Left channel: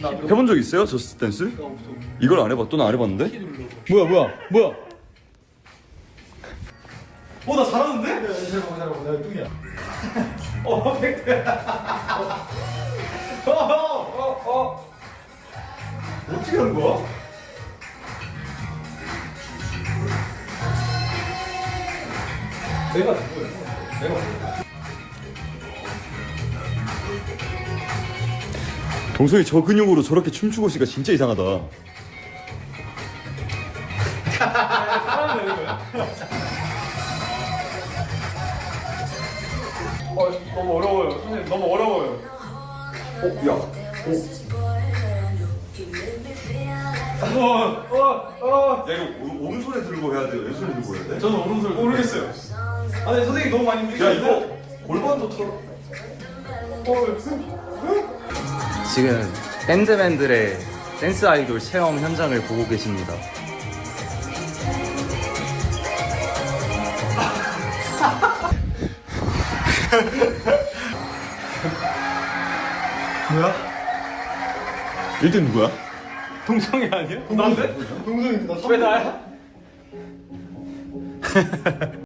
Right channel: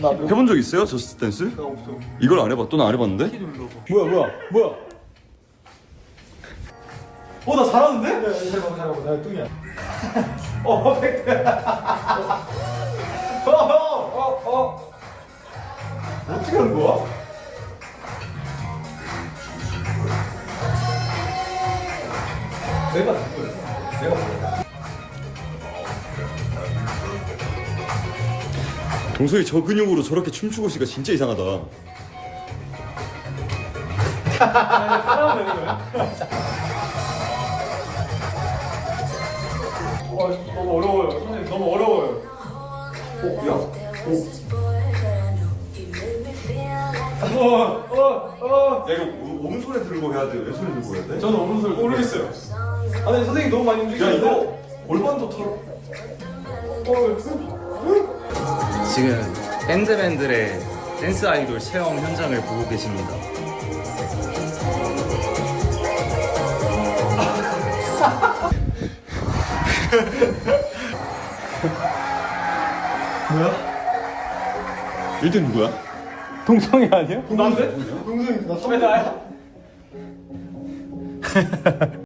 해본 적 있어요? 저스 댄스? 나 이걸 안 해봐. 또나안 해봤는데? 뭐야 뭐야 뭐야? 어나 잘하는 네, 잘해봐 잘해봐 내 뚱이야 어퍼 어어 어, 어. 어, 어. 떻게하 거야? 내가 누구야? 내가 누구야? 동생이 저 근육으로 저렇게 춤추고 있으니까 진짜 이상하다. 사 아, 너무 어려워요. 선생님, 너무 어려워요. 어, 야. 어. 어, 어, 어. 야 이거 오른손 들고 해야 돼요? 왼손에 들고 해야 돼? 네? 저는 오른손 모르겠어요 아 선생님 너무 많이 힘드시는야 이거 골반도 털어 지금 밴드맨들의 댄스 아이돌 체험 현장을 보고 계십니다. 뭐야? 이게 누구야? 동성이 아니야? 동중이, 난데? 동성이 나소